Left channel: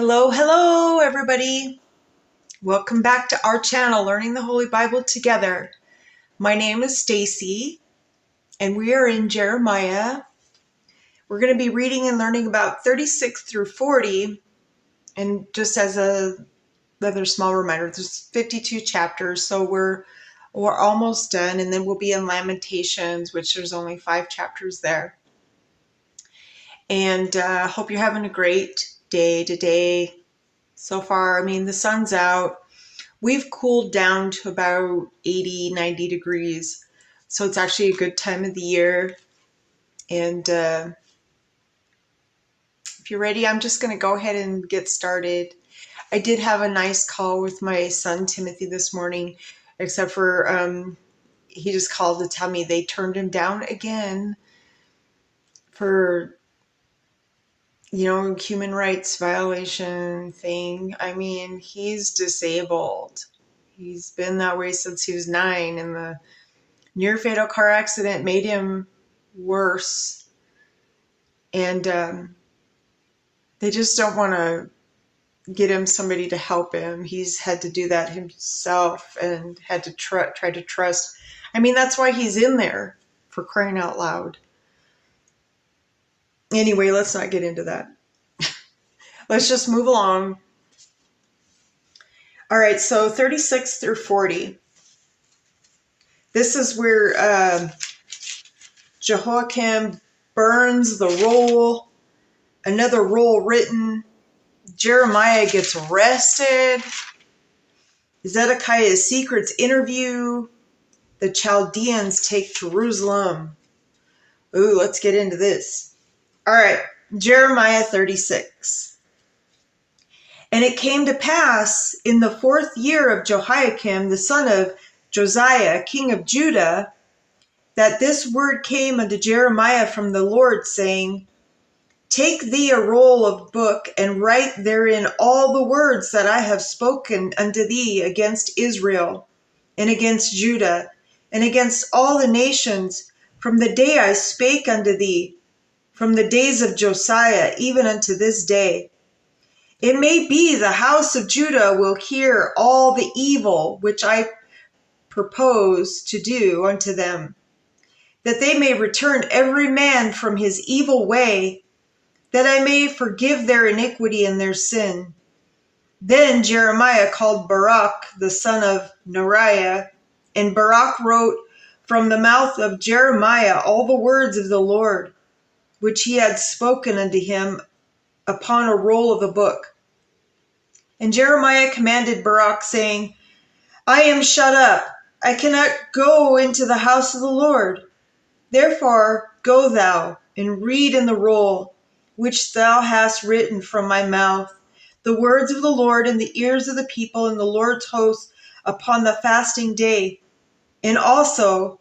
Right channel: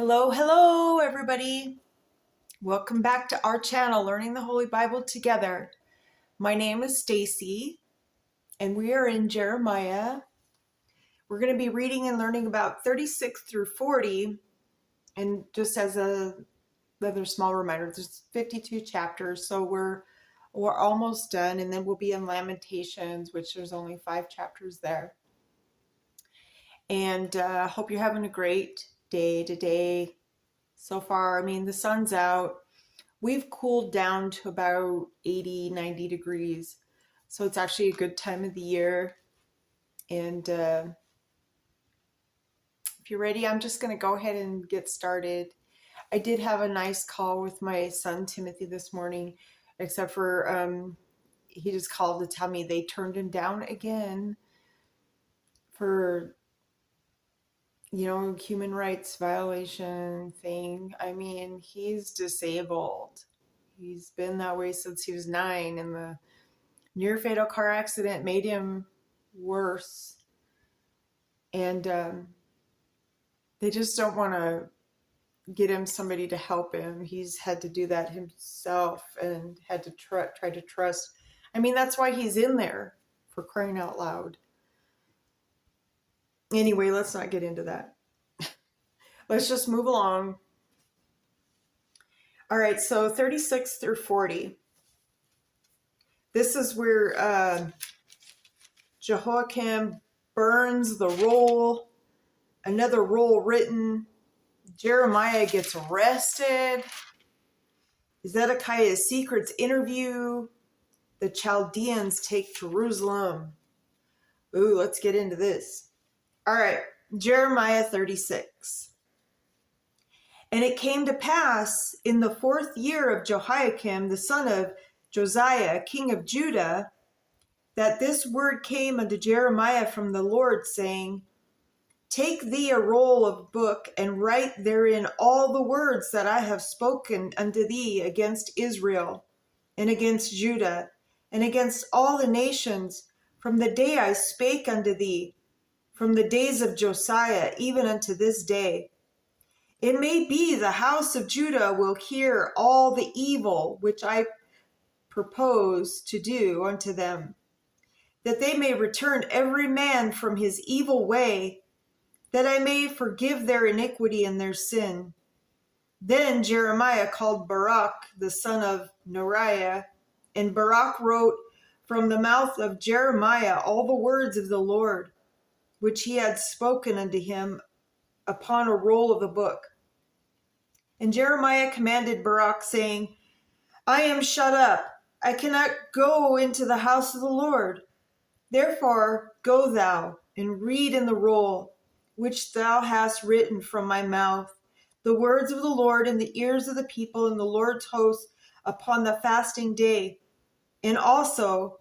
Hello, everybody. Welcome back to our channel, Learning the Holy Bible Together. My name is Stacy, and we are in Jeremiah. We're going to be reading and learning about 36 through 40. And just as another small reminder, there's 52 chapters, so we're almost done, and then we'll be in Lamentations, which there's only 5 chapters there. And hope you're having a great day today. So far, the sun's out. We've cooled down to about 80, 90 degrees. So it's actually a good time of the year. And if you're ready, I'm just going to go ahead and get started. I did have a nice call with my son, Timothy, this morning, except for he just called to tell me they turned him down again for human rights violation thing. He's disabled. He's been that way since he was 9, and the near fatal car accident made him worse. And they just don't want to get him somebody to help him. He's had to do that himself and had to try to trust. That's why he's in there, for crying out loud. Anyway, let's not get into that. Let's just move along. All right, so 36 through 40. This is where Jehoiakim burns the roll, another roll written. Jeremiah gets arrested. Zedekiah's secrets interview. The Chaldeans take Jerusalem. Ooh, let's get into this. All right, Jeremiah 36. And it came to pass in the 4th year of Jehoiakim, the son of Josiah, king of Judah, that this word came unto Jeremiah from the Lord, saying, Take thee a roll of book, and write therein all the words that I have spoken unto thee against Israel, and against Judah, and against all the nations, from the day I spake unto thee, from the days of Josiah, even unto this day. It may be the house of Judah will hear all the evil which I propose to do unto them, that they may return every man from his evil way, that I may forgive their iniquity and their sin. Then Jeremiah called Baruch, the son of Neriah, and Baruch wrote from the mouth of Jeremiah all the words of the Lord, which he had spoken unto him upon a roll of a book. And Jeremiah commanded Baruch, saying, I am shut up. I cannot go into the house of the Lord. Therefore go thou, and read in the roll, which thou hast written from my mouth, the words of the Lord in the ears of the people and the Lord's host upon the fasting day. And also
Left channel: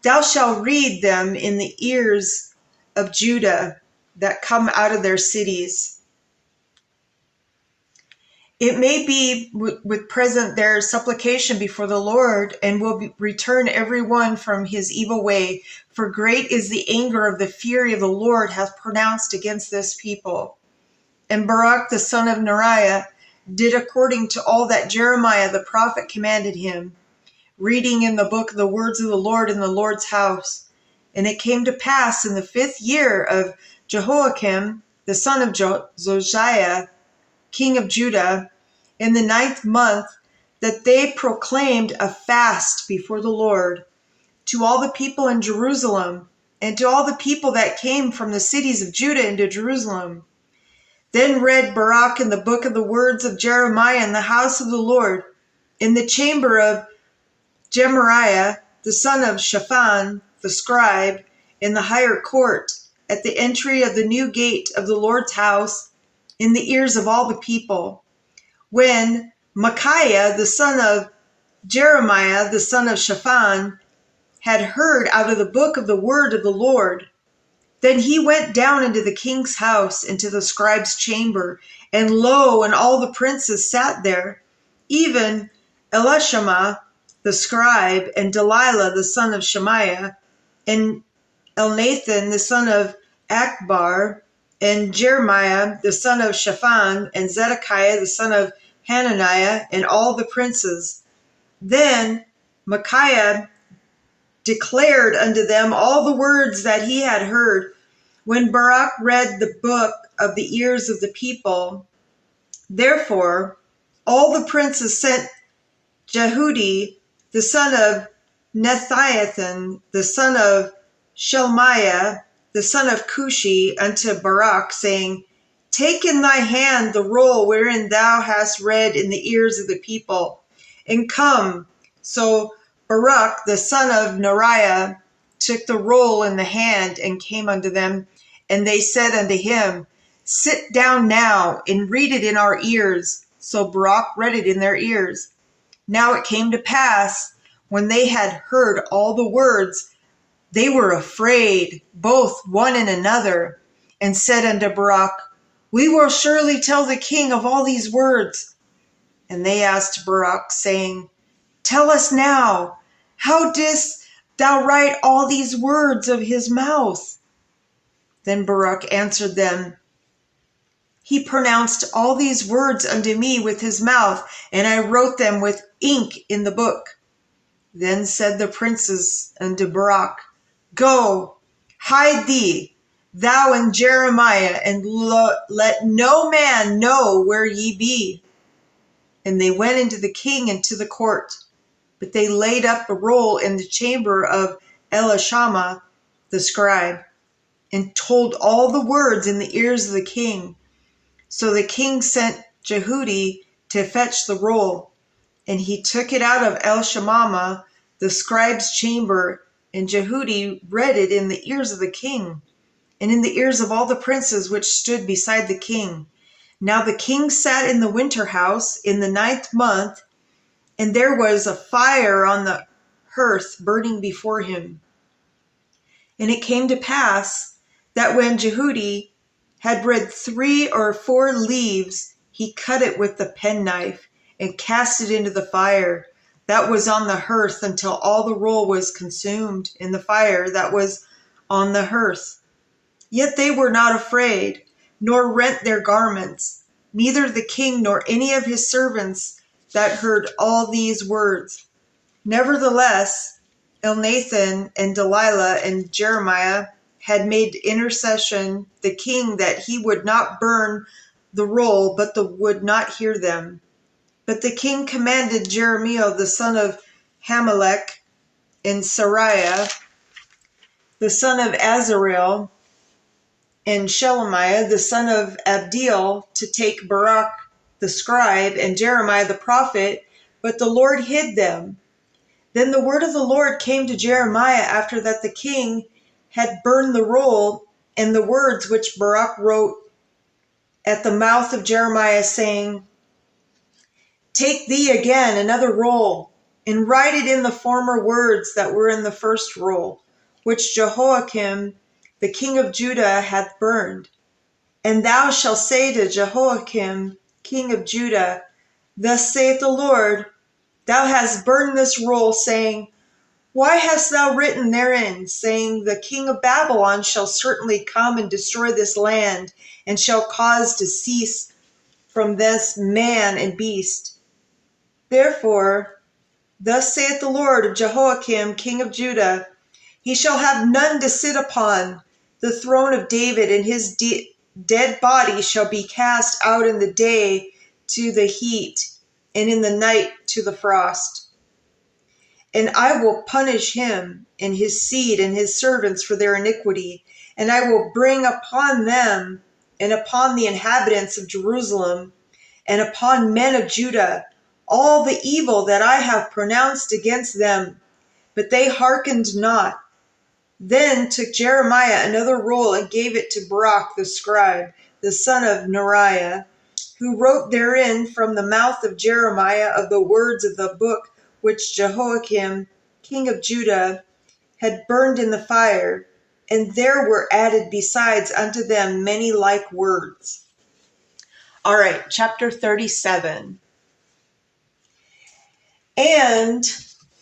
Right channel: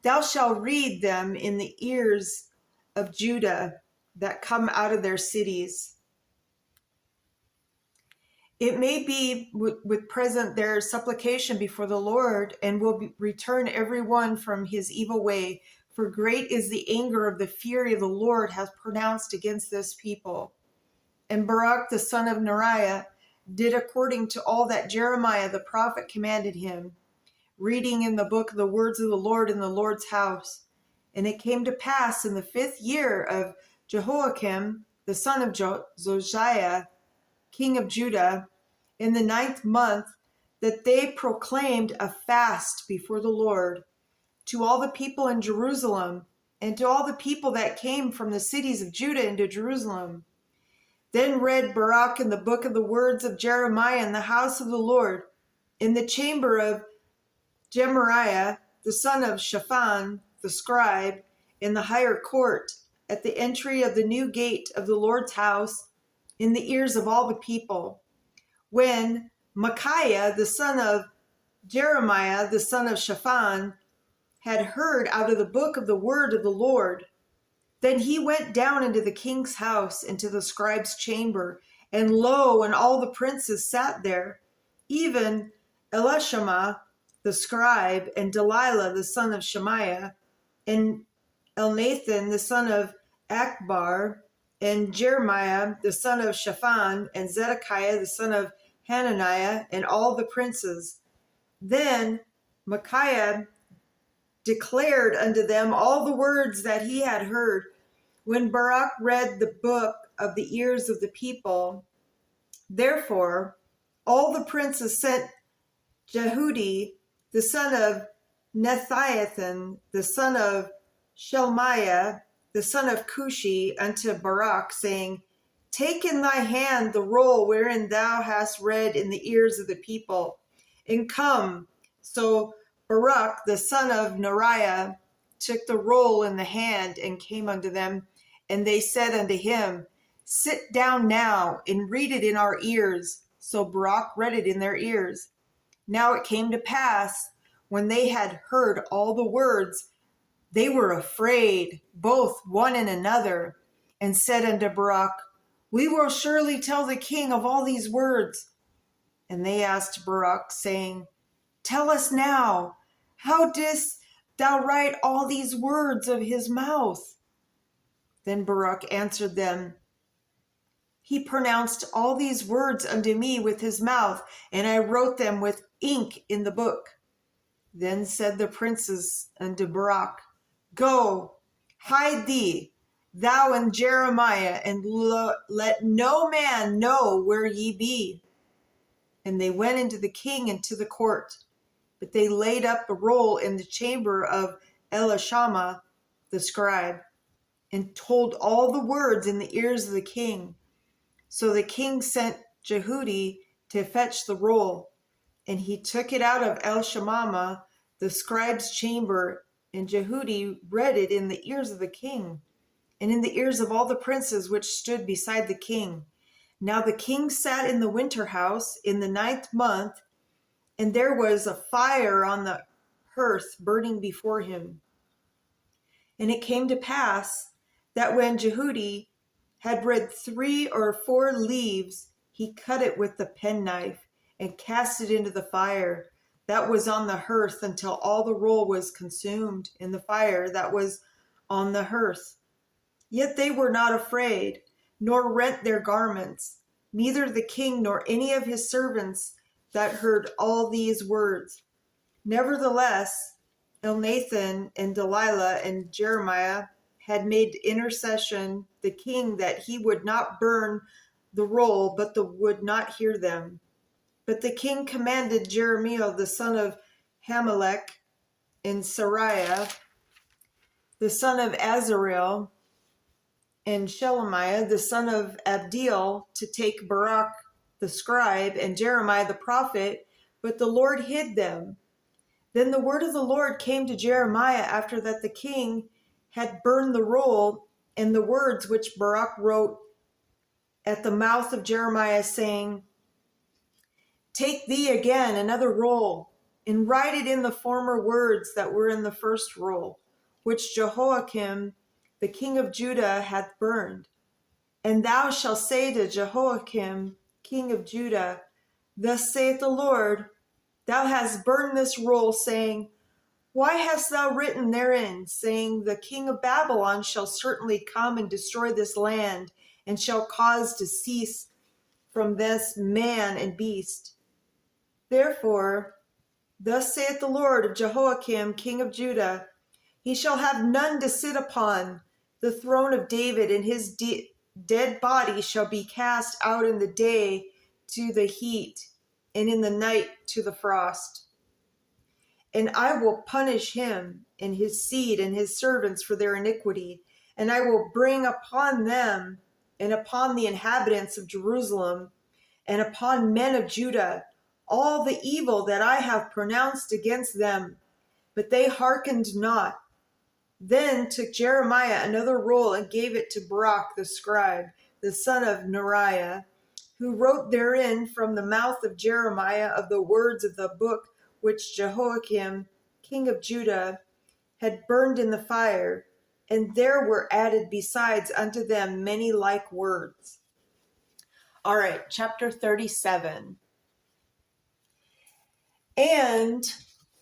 thou shalt read them in the ears of Judah that come out of their cities. It may be with present their supplication before the Lord, and will return every one from his evil way. For great is the anger of the fury of the Lord hath pronounced against this people. And Baruch the son of Neriah did according to all that Jeremiah the prophet commanded him, reading in the book the words of the Lord in the Lord's house. And it came to pass in the 5th year of Jehoiakim, the son of Josiah, king of Judah, in the 9th month, that they proclaimed a fast before the Lord to all the people in Jerusalem, and to all the people that came from the cities of Judah into Jerusalem. Then read Baruch in the book of the words of Jeremiah in the house of the Lord, in the chamber of Gemariah, the son of Shaphan, the scribe, in the higher court, at the entry of the new gate of the Lord's house, in the ears of all the people. When Micaiah, the son of Jeremiah, the son of Shaphan, had heard out of the book of the word of the Lord, then he went down into the king's house, into the scribe's chamber, and lo, and all the princes sat there, even Elishama, the scribe, and Delilah, the son of Shemaiah, and Elnathan, the son of Akbar, and Jeremiah the son of Shaphan, and Zedekiah the son of Hananiah, and all the princes. Then Micaiah declared unto them all the words that he had heard. When Baruch read the book of the ears of the people, therefore all the princes sent Jehudi the son of Nethiathan, the son of Shelmiah, the son of Cushi, unto Baruch, saying, Take in thy hand the roll wherein thou hast read in the ears of the people, and come. So Baruch the son of Neriah took the roll in the hand and came unto them, and they said unto him, Sit down now and read it in our ears. So Baruch read it in their ears. Now it came to pass, when they had heard all the words, they were afraid, both one and another, and said unto Baruch, We will surely tell the king of all these words. And they asked Baruch, saying, Tell us now, how didst thou write all these words of his mouth? Then Baruch answered them, He pronounced all these words unto me with his mouth, and I wrote them with ink in the book. Then said the princes unto Baruch, Go, hide thee, thou and Jeremiah, and let no man know where ye be. And they went into the king and to the court. But they laid up the roll in the chamber of Elishama the scribe, and told all the words in the ears of the king. So the king sent Jehudi to fetch the roll, and he took it out of Elishama the scribe's chamber, and Jehudi read it in the ears of the king, and in the ears of all the princes which stood beside the king. Now the king sat in the winter house in the 9th month, and there was a fire on the hearth burning before him. And it came to pass that when Jehudi had read 3 or 4 leaves, he cut it with the penknife and cast it into the fire that was on the hearth until all the roll was consumed in the fire that was on the hearth. Yet they were not afraid, nor rent their garments, neither the king nor any of his servants that heard all these words. Nevertheless, Elnathan and Delilah and Jeremiah had made intercession the king that he would not burn the roll, but would not hear them. But the king commanded Jeremiah the son of Hamelech and Sariah the son of Azarel and Shelemiah the son of Abdiel to take Baruch the scribe and Jeremiah the prophet, but the Lord hid them. Then the word of the Lord came to Jeremiah after that the king had burned the roll, and the words which Baruch wrote at the mouth of Jeremiah, saying, Take thee again another roll, and write it in the former words that were in the first roll, which Jehoiakim the king of Judah hath burned. And thou shalt say to Jehoiakim king of Judah, Thus saith the Lord, Thou hast burned this roll, saying, Why hast thou written therein, saying, The king of Babylon shall certainly come and destroy this land, and shall cause to cease from this man and beast? Therefore, thus saith the Lord of Jehoiakim king of Judah, He shall have none to sit upon the throne of David, and his dead body shall be cast out in the day to the heat, and in the night to the frost. And I will punish him and his seed and his servants for their iniquity, and I will bring upon them and upon the inhabitants of Jerusalem and upon men of Judah all the evil that I have pronounced against them. But they hearkened not. Then took Jeremiah another roll and gave it to Baruch the scribe, the son of Neriah, who wrote therein from the mouth of Jeremiah of the words of the book which Jehoiakim king of Judah had burned in the fire, and there were added besides unto them many like words. All right, chapter 37. And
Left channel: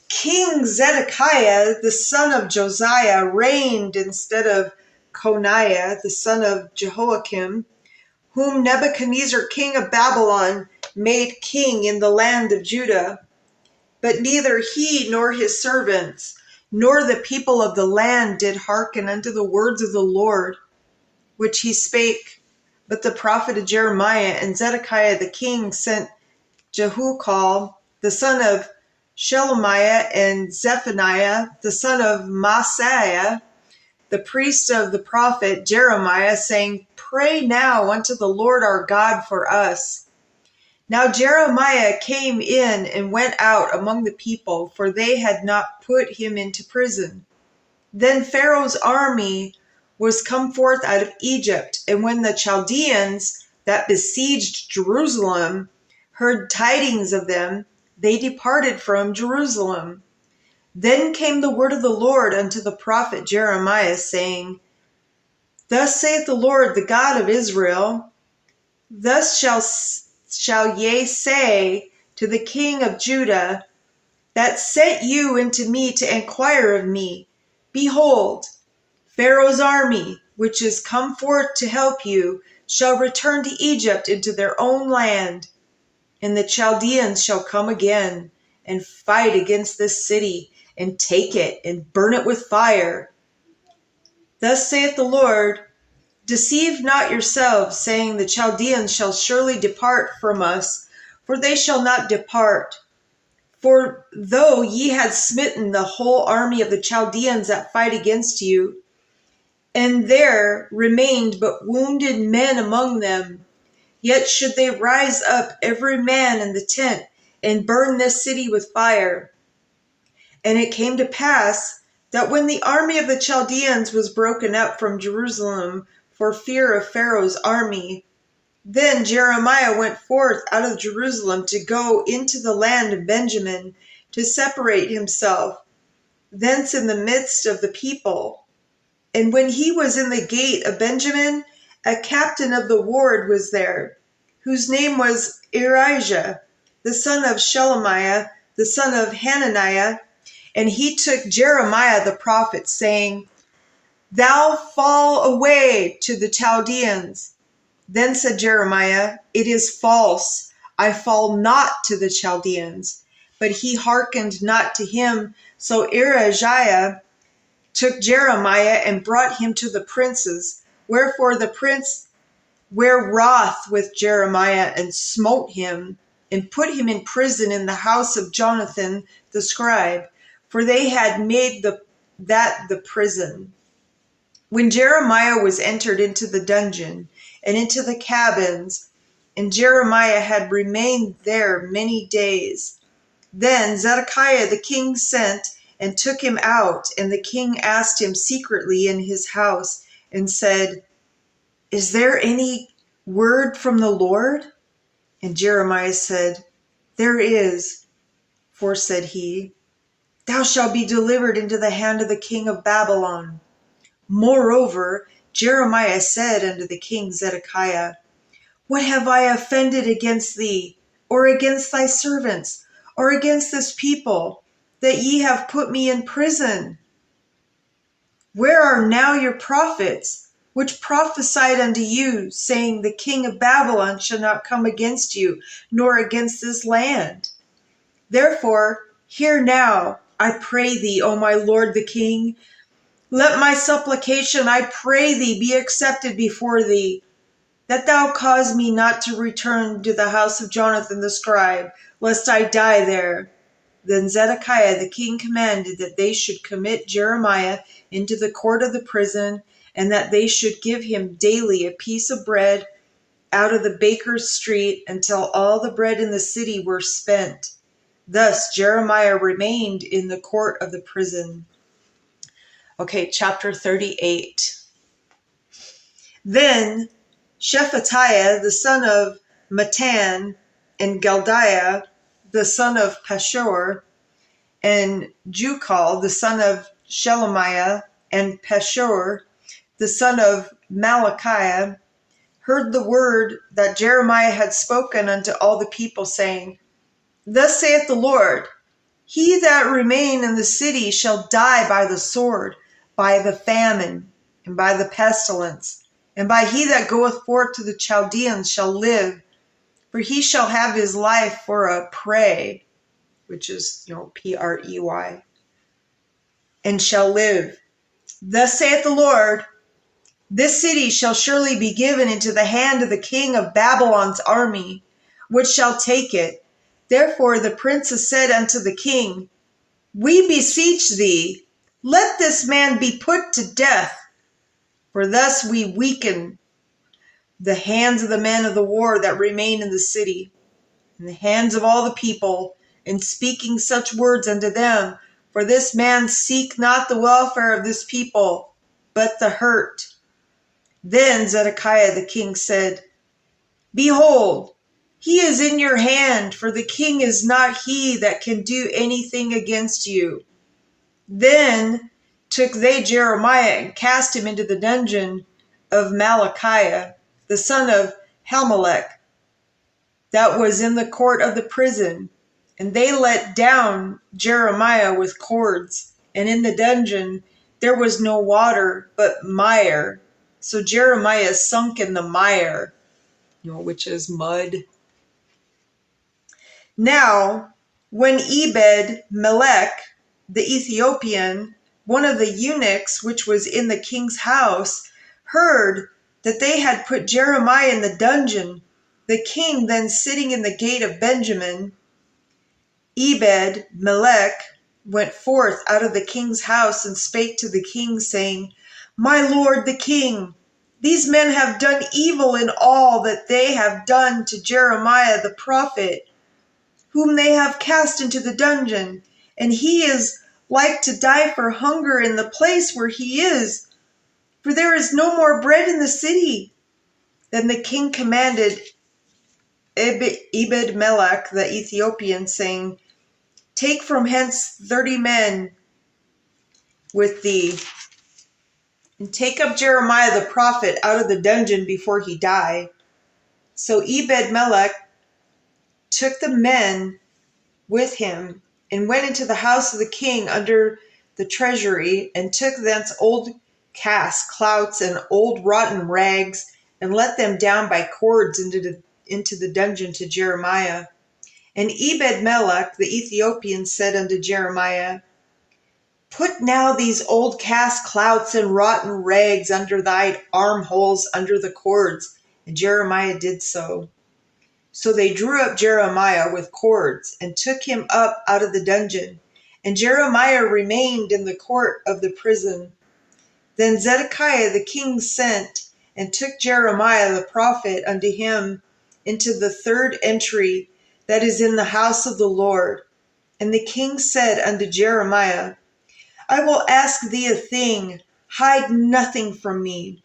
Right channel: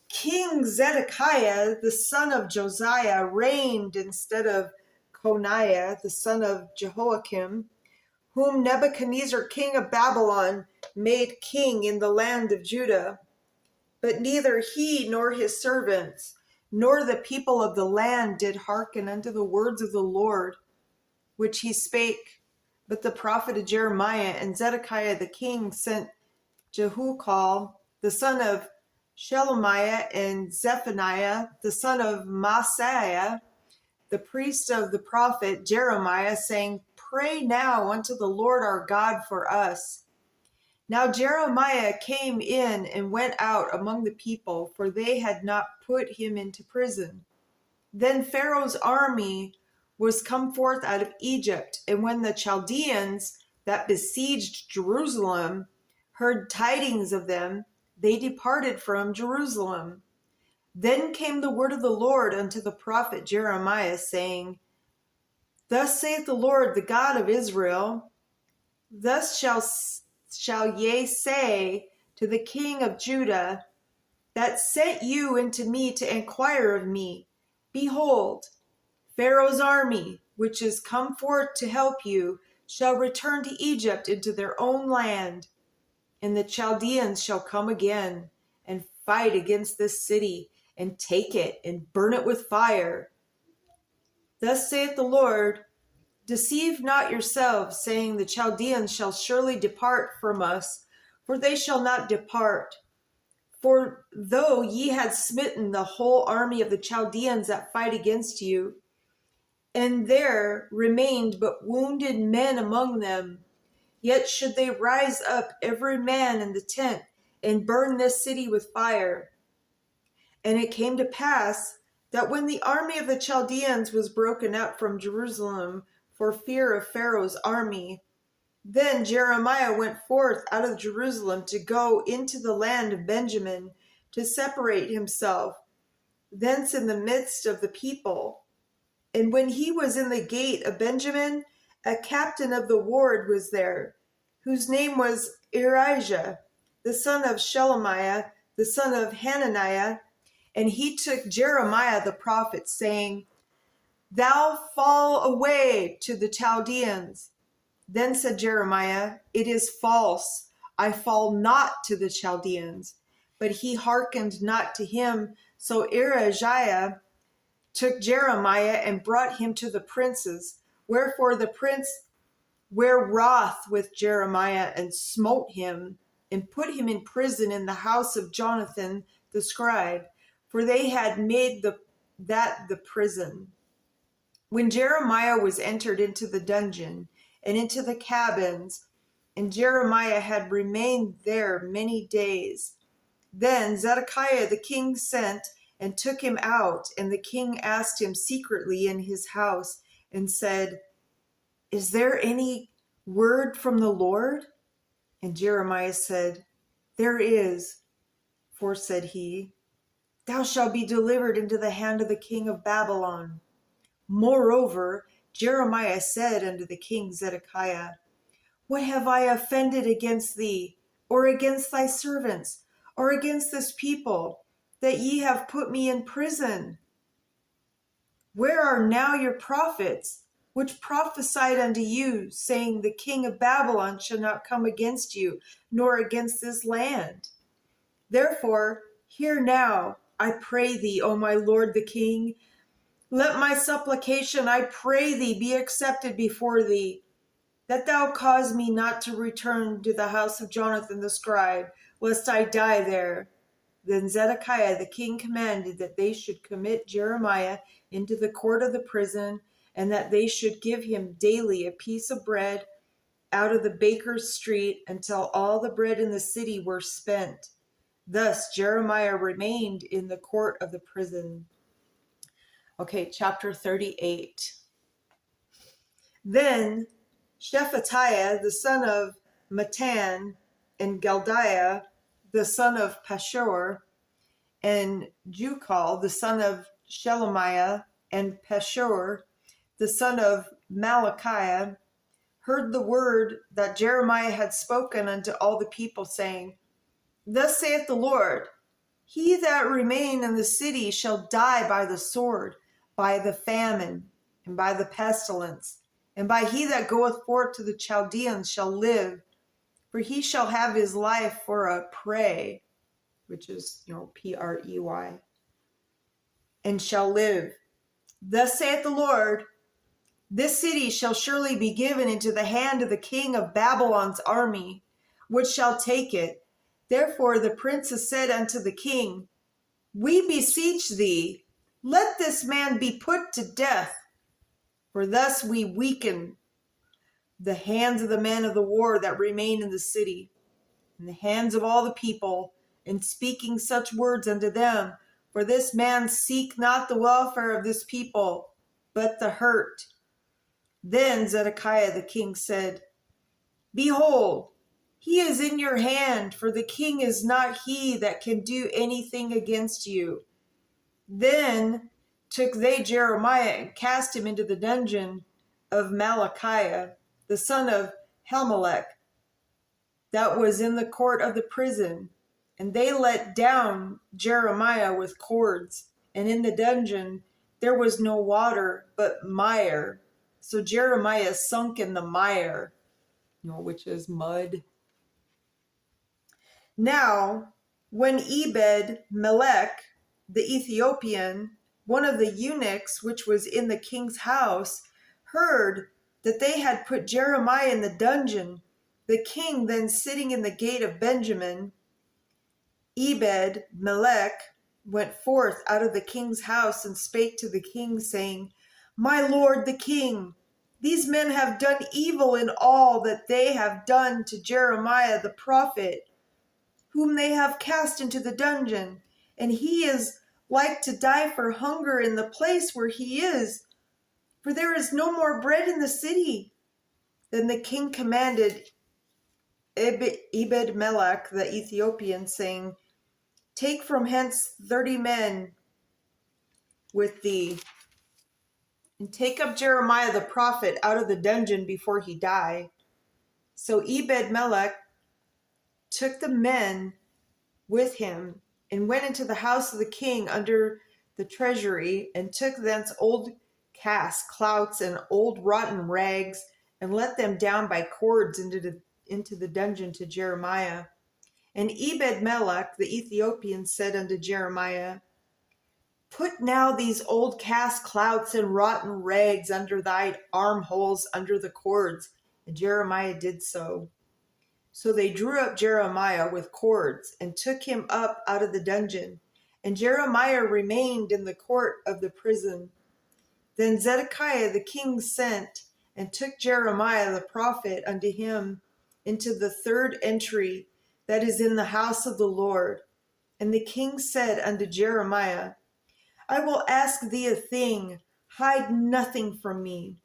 King Zedekiah, the son of Josiah, reigned instead of Coniah, the son of Jehoiakim, whom Nebuchadnezzar king of Babylon made king in the land of Judah. But neither he nor his servants, nor the people of the land did hearken unto the words of the Lord, which he spake. But the prophet Jeremiah and Zedekiah the king sent Jehucal, the son of Shelemiah, and Zephaniah, the son of Maaseiah, the priest of the prophet Jeremiah, saying, Pray now unto the Lord our God for us. Now Jeremiah came in and went out among the people, for they had not put him into prison. Then Pharaoh's army was come forth out of Egypt, and when the Chaldeans that besieged Jerusalem heard tidings of them, they departed from Jerusalem. Then came the word of the Lord unto the prophet Jeremiah, saying, Thus saith the Lord, the God of Israel, Thus shall ye say to the king of Judah, that sent you into me to inquire of me, Behold, Pharaoh's army, which is come forth to help you, shall return to Egypt into their own land. And the Chaldeans shall come again and fight against this city, and take it, and burn it with fire. Thus saith the Lord, Deceive not yourselves, saying, The Chaldeans shall surely depart from us, for they shall not depart. For though ye had smitten the whole army of the Chaldeans that fight against you, and there remained but wounded men among them, yet should they rise up every man in the tent, and burn this city with fire. And it came to pass that when the army of the Chaldeans was broken up from Jerusalem for fear of Pharaoh's army, then Jeremiah went forth out of Jerusalem to go into the land of Benjamin, to separate himself thence in the midst of the people. And when he was in the gate of Benjamin, a captain of the ward was there, whose name was Erijah, the son of Shelemiah, the son of Hananiah. And he took Jeremiah the prophet, saying, Thou fall away to the Chaldeans. Then said Jeremiah, It is false. I fall not to the Chaldeans. But he hearkened not to him. So Erijah took Jeremiah and brought him to the princes. Wherefore the prince were wroth with Jeremiah, and smote him, and put him in prison in the house of Jonathan the scribe, for they had made that the prison. When Jeremiah was entered into the dungeon and into the cabins, and Jeremiah had remained there many days, then Zedekiah the king sent and took him out, and the king asked him secretly in his house, and said, Is there any word from the Lord? And Jeremiah said, There is. For said he, Thou shalt be delivered into the hand of the king of Babylon. Moreover, Jeremiah said unto the king Zedekiah, What have I offended against thee, or against thy servants, or against this people, that ye have put me in prison? Where are now your prophets, which prophesied unto you, saying, The king of Babylon shall not come against you, nor against this land? Therefore, hear now, I pray thee, O my lord the king. Let my supplication, I pray thee, be accepted before thee, that thou cause me not to return to the house of Jonathan the scribe, lest I die there. Then Zedekiah the king commanded that they should commit Jeremiah into the court of the prison, and that they should give him daily a piece of bread out of the baker's street, until all the bread in the city were spent. Thus Jeremiah remained in the court of the prison. Okay, chapter 38. Then Shephatiah, the son of Mattan, and Geldiah, the son of Pashur, and Jucal, the son of Shelemiah, and Pashur, the son of Malachiah, heard the word that Jeremiah had spoken unto all the people, saying, Thus saith the Lord, He that remain in the city shall die by the sword, by the famine. and by the pestilence, and by he that goeth forth to the Chaldeans shall live, for he shall have his life for a prey, which is, Prey, and shall live. Thus saith the Lord, this city shall surely be given into the hand of the king of Babylon's army, which shall take it. Therefore the princes said unto the king, we beseech thee, let this man be put to death, for thus we weaken the hands of the men of the war that remain in the city, and the hands of all the people, in speaking such words unto them. For this man seek not the welfare of this people, but the hurt. Then Zedekiah the king said, behold, he is in your hand, for the king is not he that can do anything against you. Then took they Jeremiah and cast him into the dungeon of Malachiah, the son of Hamelech, that was in the court of the prison. And they let down Jeremiah with cords, and in the dungeon there was no water but mire. So Jeremiah sunk in the mire, which is mud. Now, when Ebed-Melech, the Ethiopian, one of the eunuchs which was in the king's house, heard that they had put Jeremiah in the dungeon, the king then sitting in the gate of Benjamin, Ebed-Melech went forth out of the king's house and spake to the king, saying, my lord the king, these men have done evil in all that they have done to Jeremiah the prophet, whom they have cast into the dungeon, and he is like to die for hunger in the place where he is, for there is no more bread in the city. Then the king commanded Ebed-Melech the Ethiopian, saying, take from hence 30 men with thee, and take up Jeremiah the prophet out of the dungeon before he die. So Ebed-Melech took the men with him, and went into the house of the king under the treasury, and took thence old casks, clouts, and old rotten rags, and let them down by cords into the dungeon to Jeremiah. And Ebed-Melech the Ethiopian said unto Jeremiah, put now these old casks, clouts, and rotten rags under thy armholes under the cords. And Jeremiah did so. So they drew up Jeremiah with cords, and took him up out of the dungeon. And Jeremiah remained in the court of the prison. Then Zedekiah the king sent, and took Jeremiah the prophet unto him into the third entry that is in the house of the Lord. And the king said unto Jeremiah, I will ask thee a thing, hide nothing from me.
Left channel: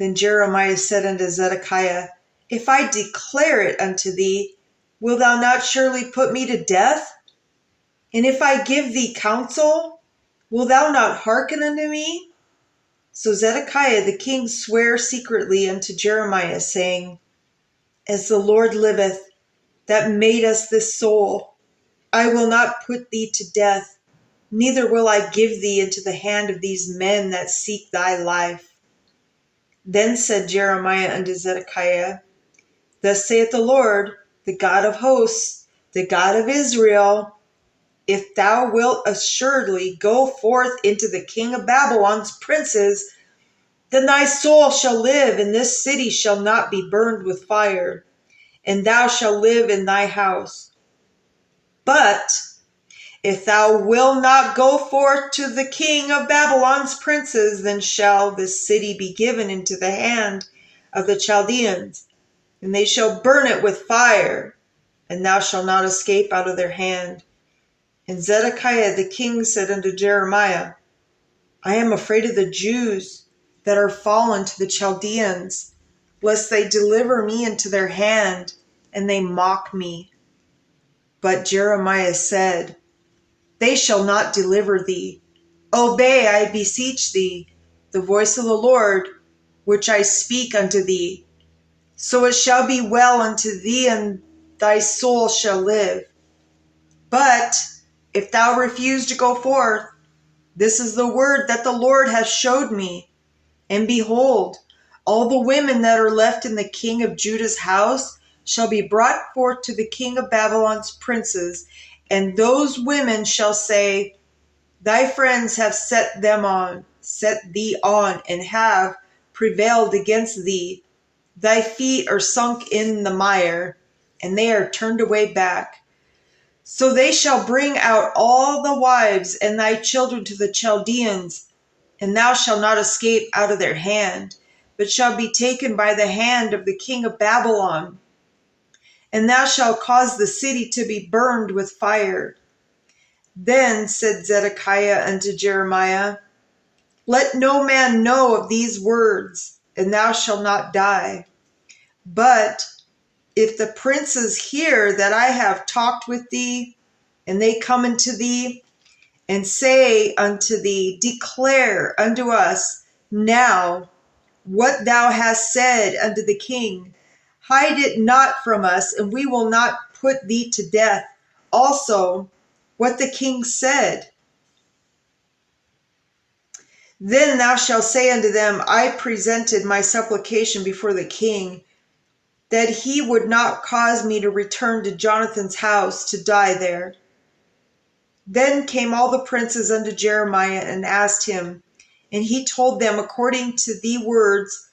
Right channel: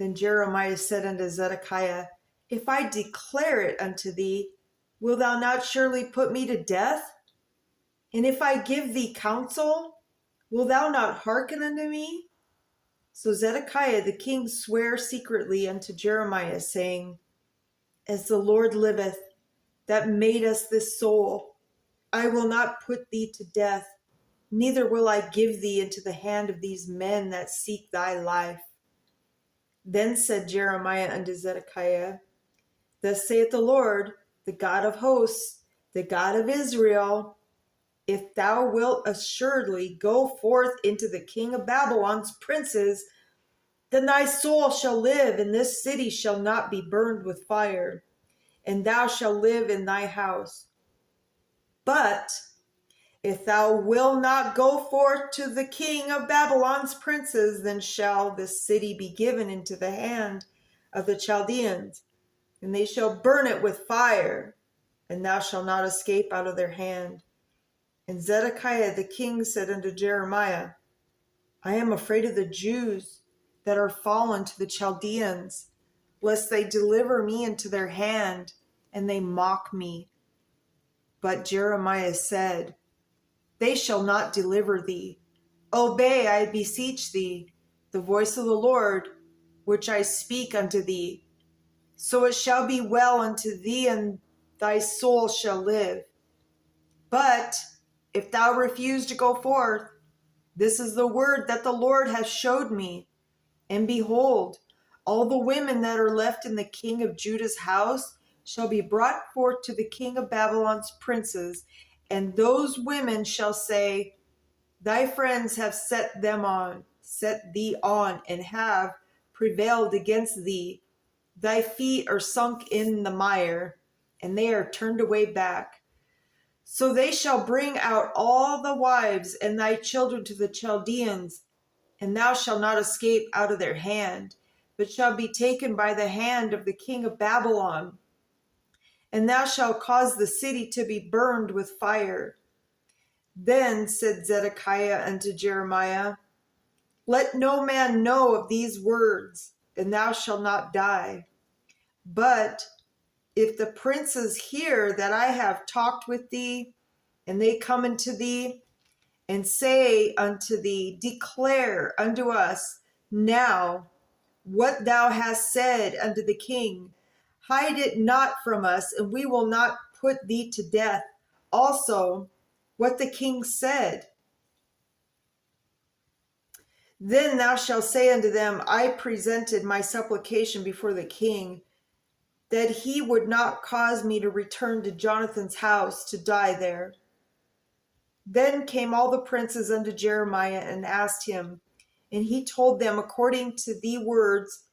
Then Jeremiah said unto Zedekiah, if I declare it unto thee, wilt thou not surely put me to death? And if I give thee counsel, wilt thou not hearken unto me? So Zedekiah the king sware secretly unto Jeremiah, saying, as the Lord liveth, that made us this soul, I will not put thee to death, neither will I give thee into the hand of these men that seek thy life. Then said Jeremiah unto Zedekiah, thus saith the Lord, the God of hosts, the God of Israel, if thou wilt assuredly go forth into the king of Babylon's princes, then thy soul shall live, and this city shall not be burned with fire, and thou shalt live in thy house. But if thou wilt not go forth to the king of Babylon's princes, then shall this city be given into the hand of the Chaldeans, and they shall burn it with fire, and thou shalt not escape out of their hand. And Zedekiah the king said unto Jeremiah, I am afraid of the Jews that are fallen to the Chaldeans, lest they deliver me into their hand, and they mock me. But Jeremiah said, they shall not deliver thee. Obey, I beseech thee, the voice of the Lord, which I speak unto thee. So it shall be well unto thee, and thy soul shall live. But if thou refuse to go forth, this is the word that the Lord hath showed me. And behold, all the women that are left in the king of Judah's house shall be brought forth to the king of Babylon's princes, and those women shall say, Thy friends have set thee on, and have prevailed against thee. Thy feet are sunk in the mire, and they are turned away back. So they shall bring out all the wives and thy children to the Chaldeans, and thou shalt not escape out of their hand, but shalt be taken by the hand of the king of Babylon. And thou shalt cause the city to be burned with fire. Then said Zedekiah unto Jeremiah, Let no man know of these words, and thou shalt not die. But if the princes hear that I have talked with thee, and they come unto thee, and say unto thee, Declare unto us now what thou hast said unto the king, hide it not from us, and we will not put thee to death. Also, what the king said. Then thou shalt say unto them, I presented my supplication before the king, that he would not cause me to return to Jonathan's house to die there. Then came all the princes unto Jeremiah and asked him, and he told them according to the words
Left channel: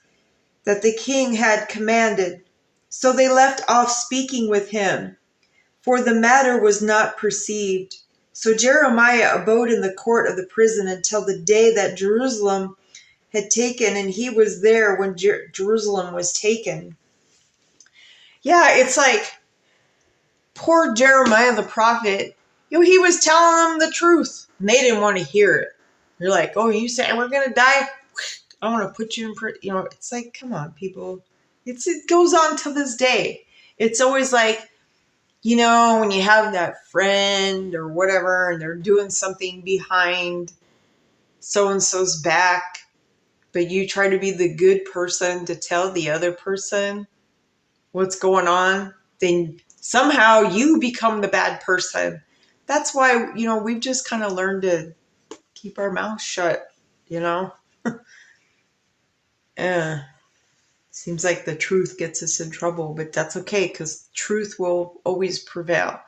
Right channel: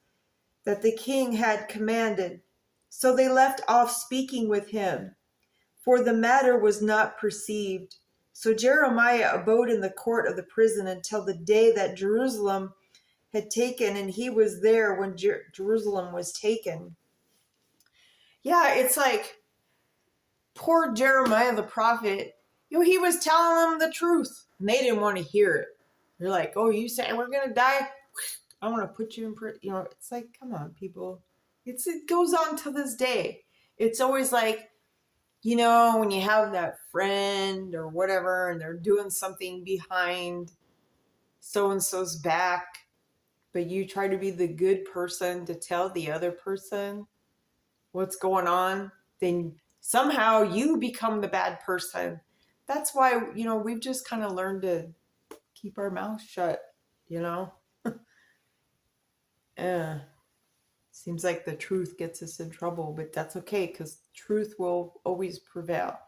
that the king had commanded. So they left off speaking with him, for the matter was not perceived. So Jeremiah abode in the court of the prison until the day that Jerusalem had taken, and he was there when Jerusalem was taken. Yeah, it's like poor Jeremiah the prophet. He was telling them the truth, and they didn't want to hear it. They're like, "Oh, you saying we're gonna die? I want to put you in prison." It's like, come on, people. It goes on to this day. It's always like, when you have that friend or whatever, and they're doing something behind so-and-so's back, but you try to be the good person to tell the other person what's going on, then somehow you become the bad person. That's why, we've just kind of learned to keep our mouth shut, Seems like the truth gets us in trouble, but that's okay, because truth will always prevail.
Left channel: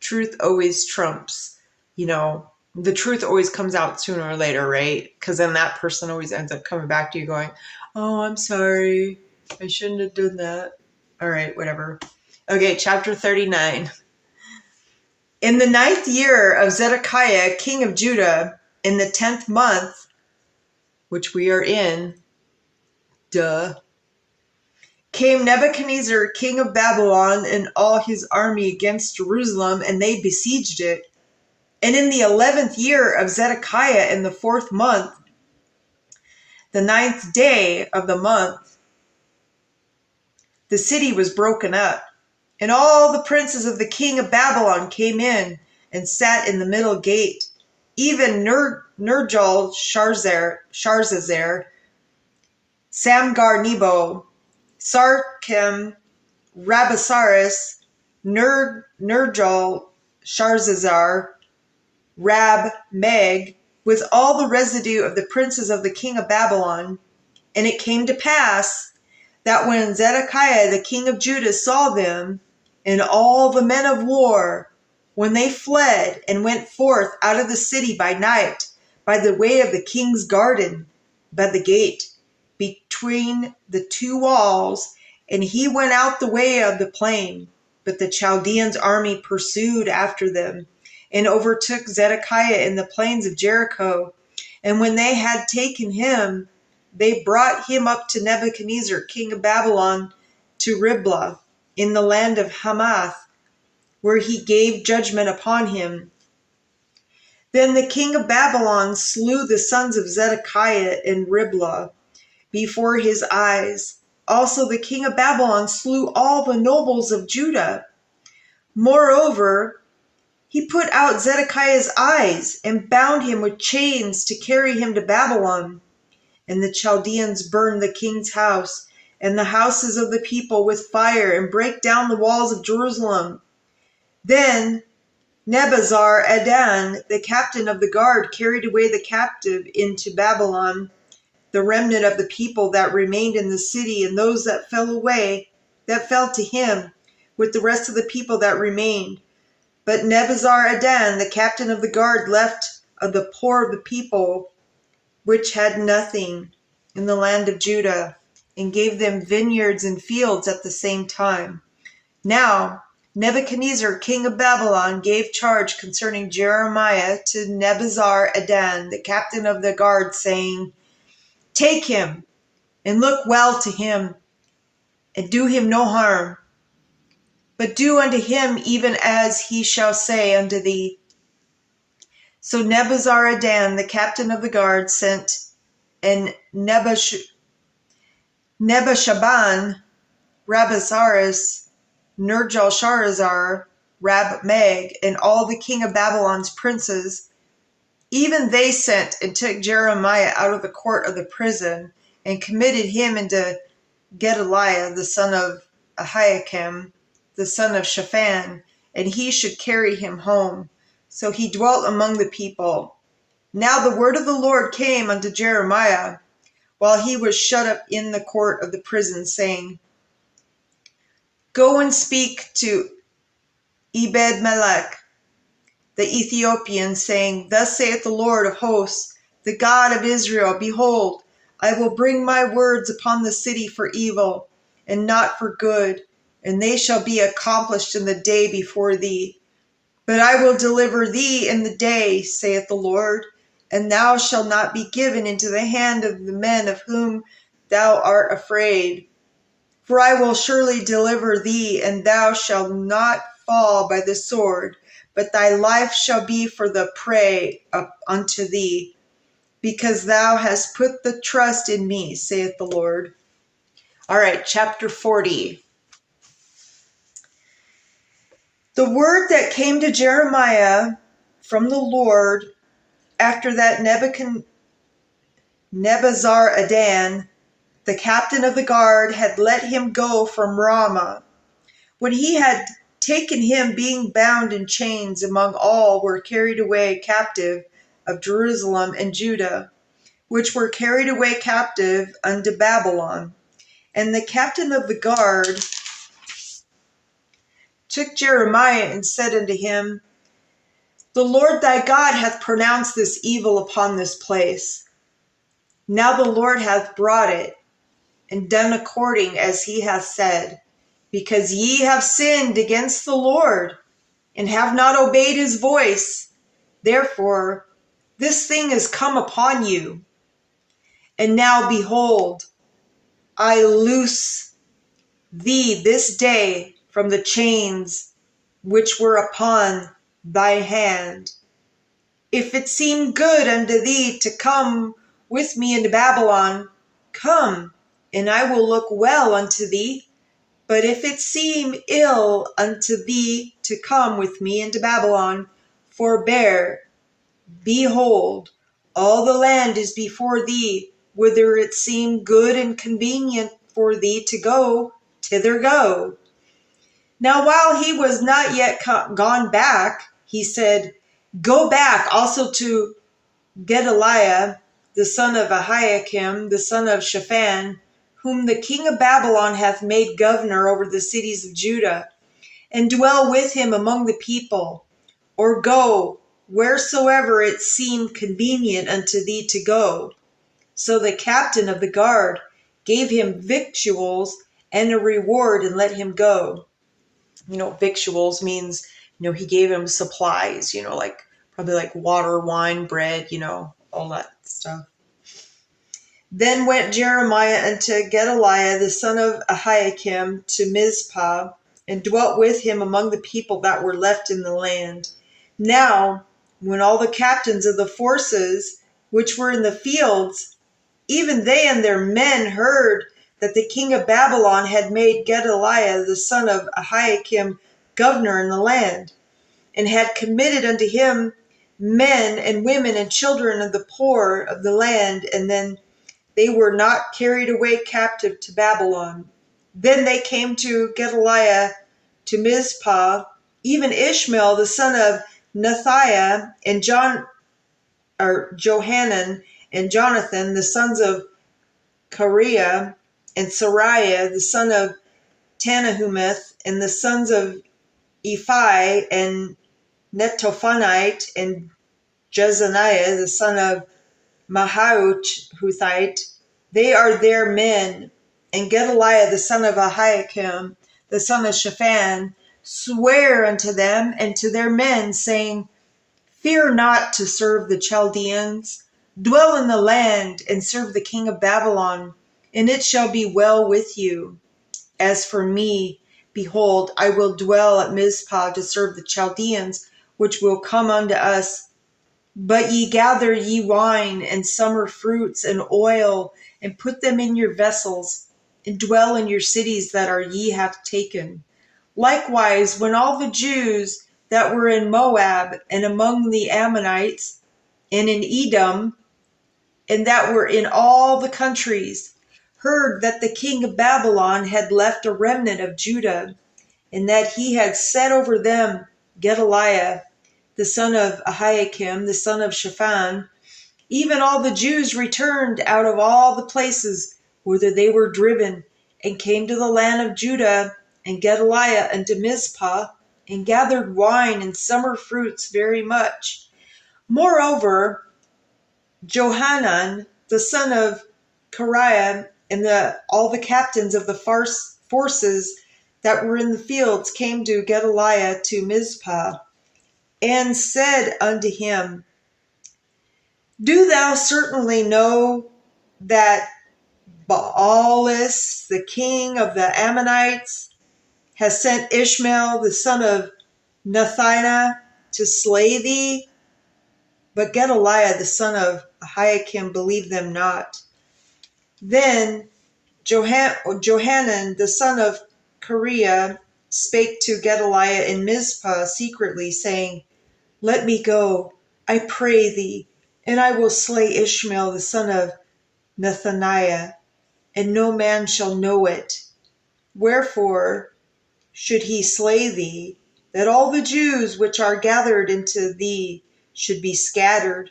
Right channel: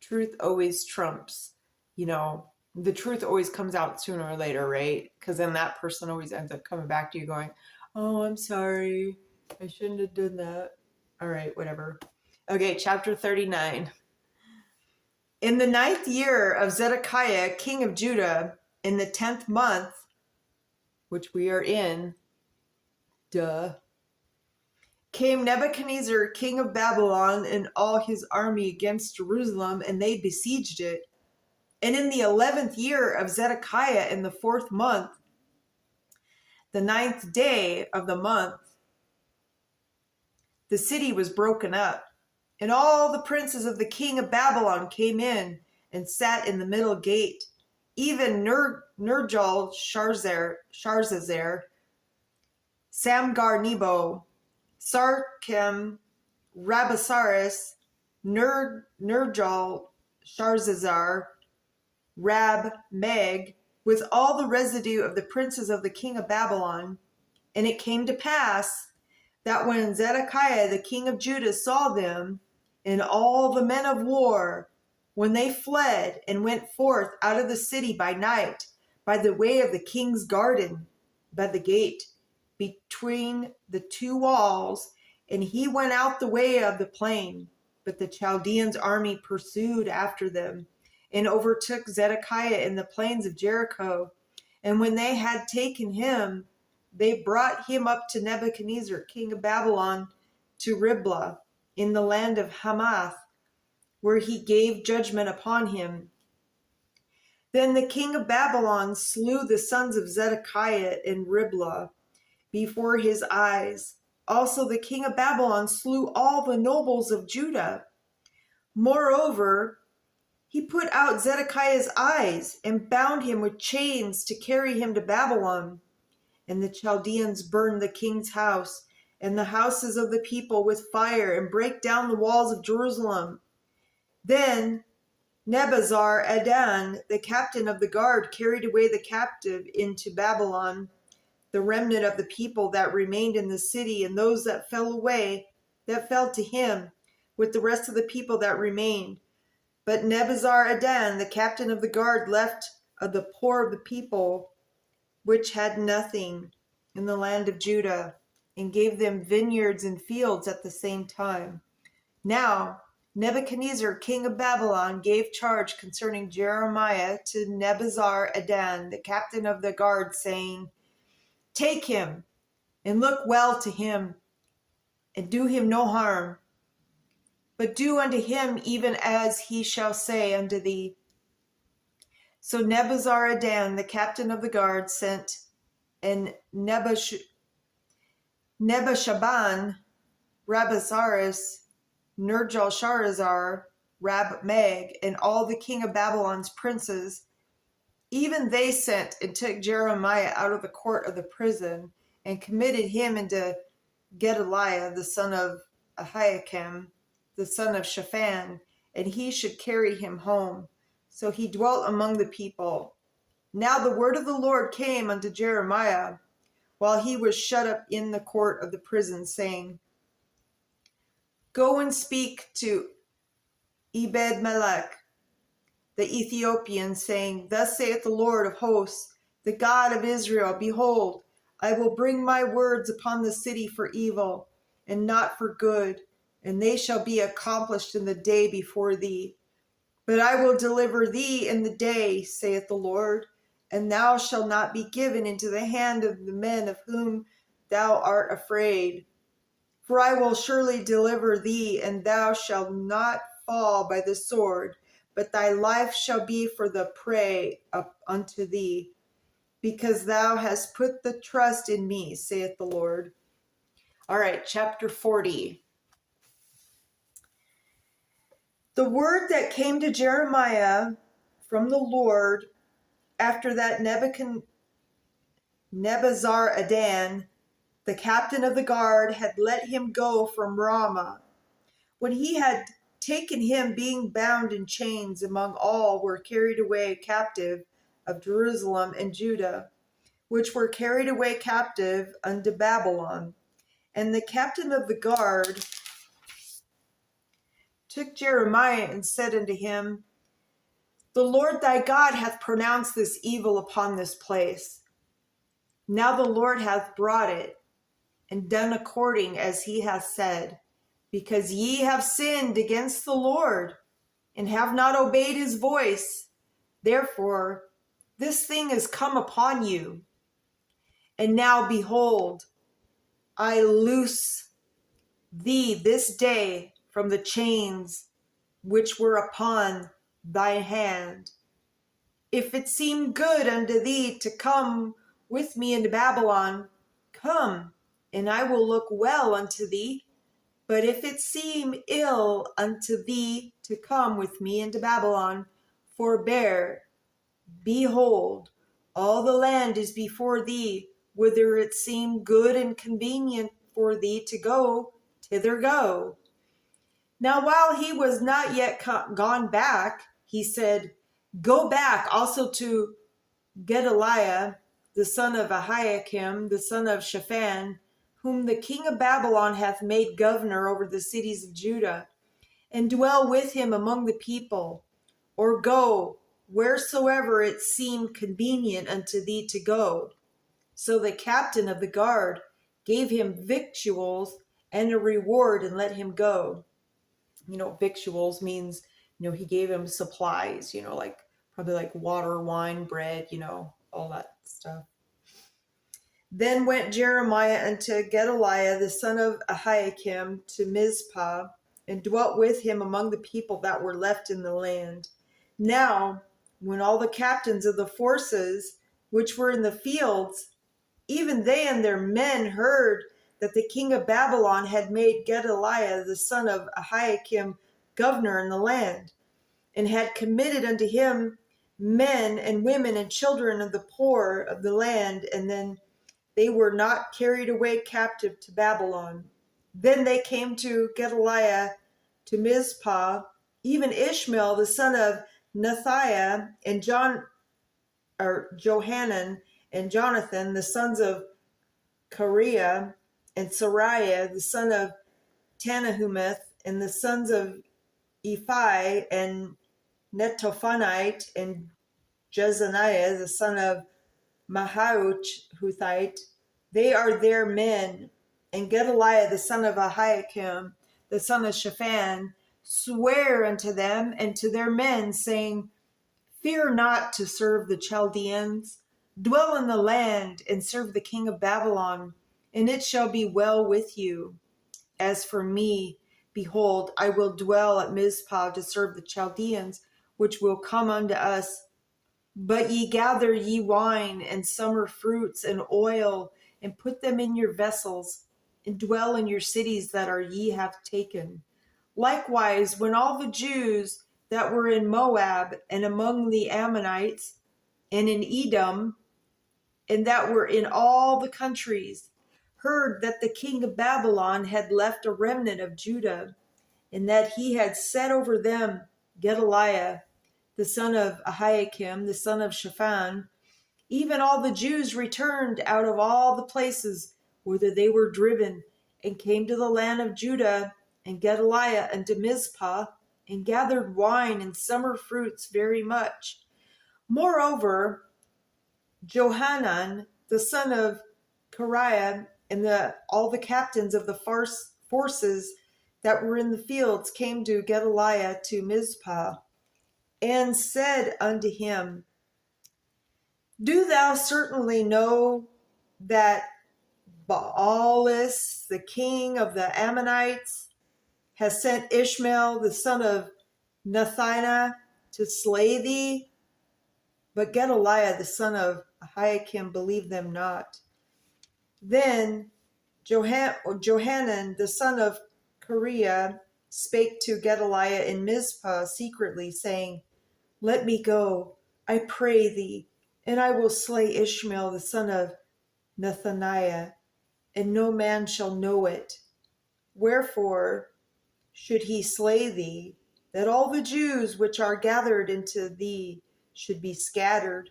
Truth always trumps, the truth always comes out sooner or later, right? Because then that person always ends up coming back to you going, oh, I'm sorry, I shouldn't have done that. All right, whatever. Okay, chapter 39. In the 9th year of Zedekiah, king of Judah, in the 10th month, which we are in, came Nebuchadnezzar, king of Babylon, and all his army against Jerusalem, and they besieged it. And in the 11th year of Zedekiah, in the 4th month, the 9th day of the month, the city was broken up. And all the princes of the king of Babylon came in and sat in the middle gate, even Nergal-Sharzar, Samgar-Nebo, Sarkim, Rabasaris, Nergal-Sharzar, Rab-Meg, with all the residue of the princes of the king of Babylon. And it came to pass that when Zedekiah the king of Judah saw them, and all the men of war, when they fled and went forth out of the city by night, by the way of the king's garden, by the gate, between the two walls, and he went out the way of the plain. But the Chaldeans' army pursued after them, and overtook Zedekiah in the plains of Jericho. And when they had taken him, they brought him up to Nebuchadnezzar, king of Babylon, to Riblah, in the land of Hamath, where he gave judgment upon him. Then the king of Babylon slew the sons of Zedekiah in Riblah before his eyes. Also the king of Babylon slew all the nobles of Judah. Moreover, he put out Zedekiah's eyes and bound him with chains to carry him to Babylon. And the Chaldeans burned the king's house and the houses of the people with fire, and break down the walls of Jerusalem. Then Nebuzaradan, the captain of the guard, carried away the captive into Babylon, the remnant of the people that remained in the city, and those that fell away, that fell to him, with the rest of the people that remained. But Nebuzaradan, the captain of the guard, left of the poor of the people, which had nothing, in the land of Judah, and gave them vineyards and fields at the same time. Now Nebuchadnezzar, king of Babylon, gave charge concerning Jeremiah to Nebuzaradan, the captain of the guard, saying, Take him, and look well to him, and do him no harm, but do unto him even as he shall say unto thee. So Nebuzaradan, the captain of the guard, sent, and Nebushaban, Rabasaris, Nergal-Sharazar, Rab-Meg, and all the king of Babylon's princes, even they sent and took Jeremiah out of the court of the prison, and committed him into Gedaliah, the son of Ahiakim, the son of Shaphan, and he should carry him home. So he dwelt among the people. Now the word of the Lord came unto Jeremiah, while he was shut up in the court of the prison, saying, Go and speak to Ebed-melech, the Ethiopian, saying, Thus saith the Lord of hosts, the God of Israel, Behold, I will bring my words upon the city for evil, and not for good, and they shall be accomplished in the day before thee. But I will deliver thee in the day, saith the Lord, and thou shalt not be given into the hand of the men of whom thou art afraid. For I will surely deliver thee, and thou shalt not fall by the sword, but thy life shall be for the prey up unto thee, because thou hast put the trust in me, saith the Lord. All right, chapter 40. The word that came to Jeremiah from the Lord after that Nebuzaradan, the captain of the guard, had let him go from Ramah, when he had taken him, being bound in chains, among all were carried away captive of Jerusalem and Judah, which were carried away captive unto Babylon. And the captain of the guard took Jeremiah and said unto him, The Lord thy God hath pronounced this evil upon this place. Now the Lord hath brought it, and done according as he hath said, because ye have sinned against the Lord, and have not obeyed his voice. Therefore this thing is come upon you. And now behold, I loose thee this day from the chains which were upon thy hand. If it seem good unto thee to come with me into Babylon, come, and I will look well unto thee. But if it seem ill unto thee to come with me into Babylon, forbear. Behold, all the land is before thee, whither it seem good and convenient for thee to go, thither go. Now while he was not yet gone back, he said, Go back also to Gedaliah, the son of Ahiakim, the son of Shaphan, whom the king of Babylon hath made governor over the cities of Judah, and dwell with him among the people, or go wheresoever it seemed convenient unto thee to go. So the captain of the guard gave him victuals and a reward, and let him go. Victuals means, he gave him supplies, like probably like water, wine, bread, all that stuff. Then went Jeremiah unto Gedaliah, the son of Ahiakim, to Mizpah, and dwelt with him among the people that were left in the land. Now, when all the captains of the forces which were in the fields, even they and their men, heard that the king of Babylon had made Gedaliah, the son of Ahiakim, governor in the land, and had committed unto him men and women and children of the poor of the land, and then they were not carried away captive to Babylon. Then they came to Gedaliah to Mizpah, even Ishmael the son of Nethiah, and Johanan and Jonathan, the sons of Kareah, and Sariah, the son of Tanahumeth, and the sons of Ephi, and Netophanite, and Jezaniah, the son of Mahauthite, they are their men. And Gedaliah, the son of Ahiakim, the son of Shaphan, swear unto them and to their men, saying, Fear not to serve the Chaldeans. Dwell in the land and serve the king of Babylon, and it shall be well with you. As for me, behold, I will dwell at Mizpah to serve the Chaldeans, which will come unto us. But ye gather ye wine and summer fruits and oil, and put them in your vessels, and dwell in your cities that are ye have taken. Likewise, when all the Jews that were in Moab, and among the Ammonites, and in Edom, and that were in all the countries, heard that the king of Babylon had left a remnant of Judah, and that he had set over them Gedaliah, the son of Ahiakim, the son of Shaphan, even all the Jews returned out of all the places whither they were driven, and came to the land of Judah, and Gedaliah unto Mizpah, and gathered wine and summer fruits very much. Moreover, Johanan, the son of Kareah, and all the captains of the forces that were in the fields came to Gedaliah to Mizpah, and said unto him, Do thou certainly know that Baalis, the king of the Ammonites, has sent Ishmael, the son of Nethaniah, to slay thee? But Gedaliah, the son of Ahiakim, believed them not. Then Johanan, the son of Kareah, spake to Gedaliah in Mizpah secretly, saying, Let me go, I pray thee, and I will slay Ishmael, the son of Nethaniah, and no man shall know it. Wherefore should he slay thee, that all the Jews which are gathered into thee should be scattered,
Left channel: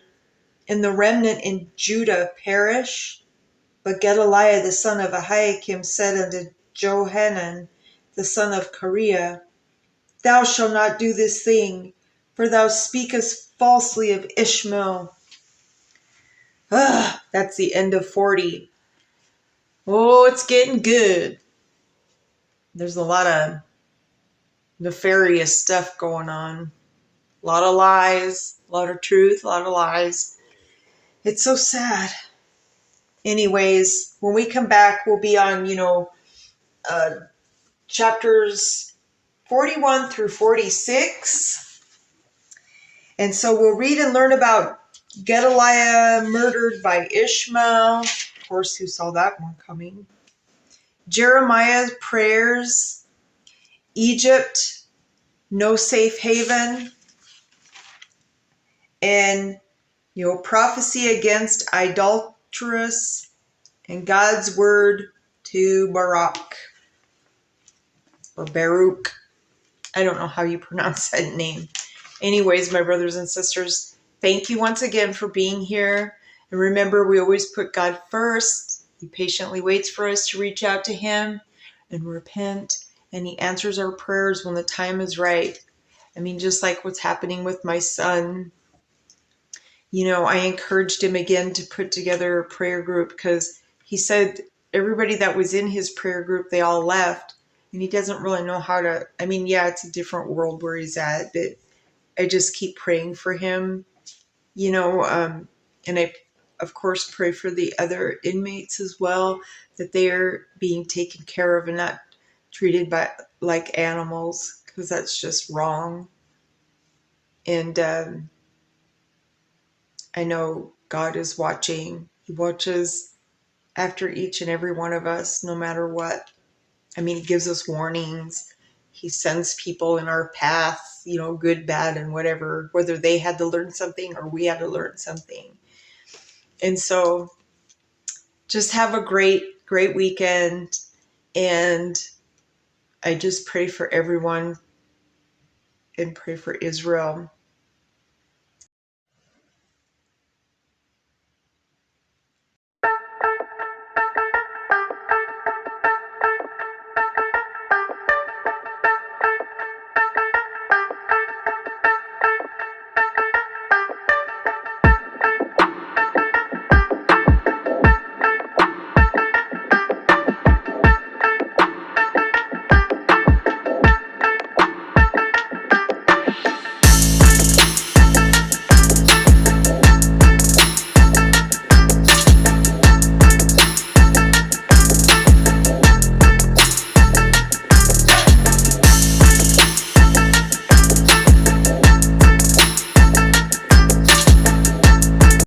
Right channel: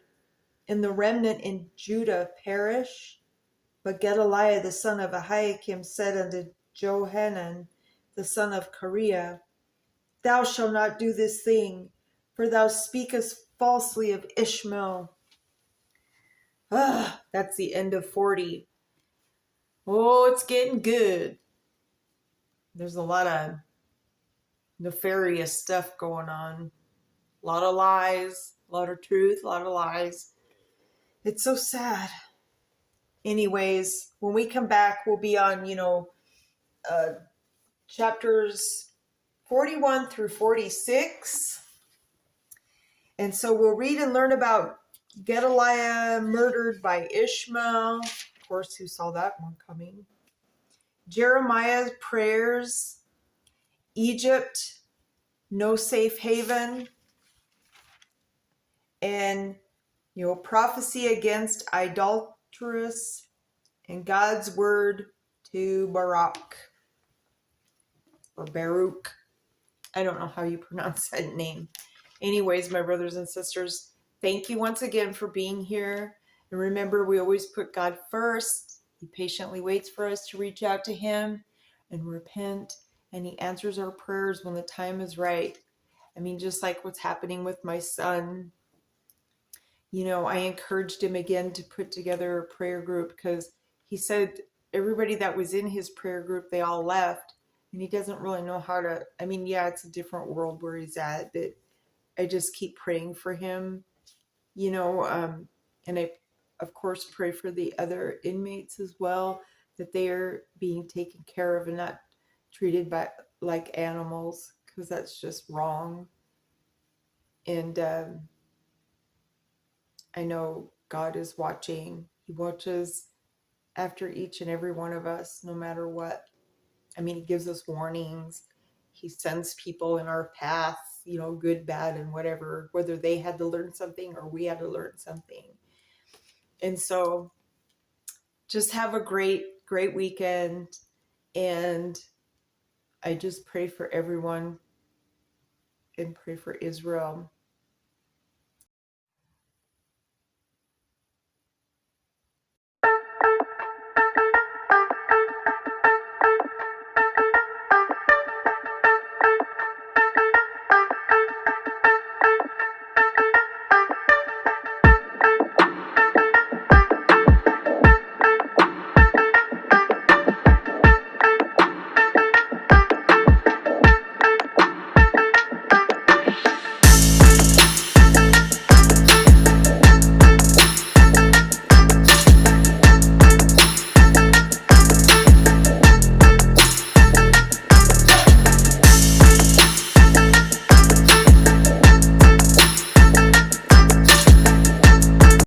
and the remnant in Judah perish? But Gedaliah the son of Ahiakim said unto Johanan the son of Kareah, Thou shalt not do this thing, for thou speakest falsely of Ishmael. That's the end of 40. Oh, it's getting good. There's a lot of nefarious stuff going on. A lot of lies, a lot of truth, a lot of lies. It's so sad. Anyways, when we come back, we'll be on, chapters 41 through 46. And so we'll read and learn about Gedaliah murdered by Ishmael. Of course, who saw that one coming? Jeremiah's prayers, Egypt, no safe haven, and prophecy against idolatrous, and God's word to Baruch, or Baruch. I don't know how you pronounce that name. Anyways, my brothers and sisters, thank you once again for being here. And remember, we always put God first. He patiently waits for us to reach out to him and repent. And he answers our prayers when the time is right. I mean, just like what's happening with my son. I encouraged him again to put together a prayer group because he said everybody that was in his prayer group, they all left. And he doesn't really know how to, it's a different world where he's at, but I just keep praying for him, and I, of course, pray for the other inmates as well, that they are being taken care of and not treated like animals, because that's just wrong. And I know God is watching. He watches after each and every one of us, no matter what. He gives us warnings. He sends people in our path, good, bad, and whatever, whether they had to learn something or we had to learn something. And so just have a great, great weekend. And I just pray for everyone and pray for Israel.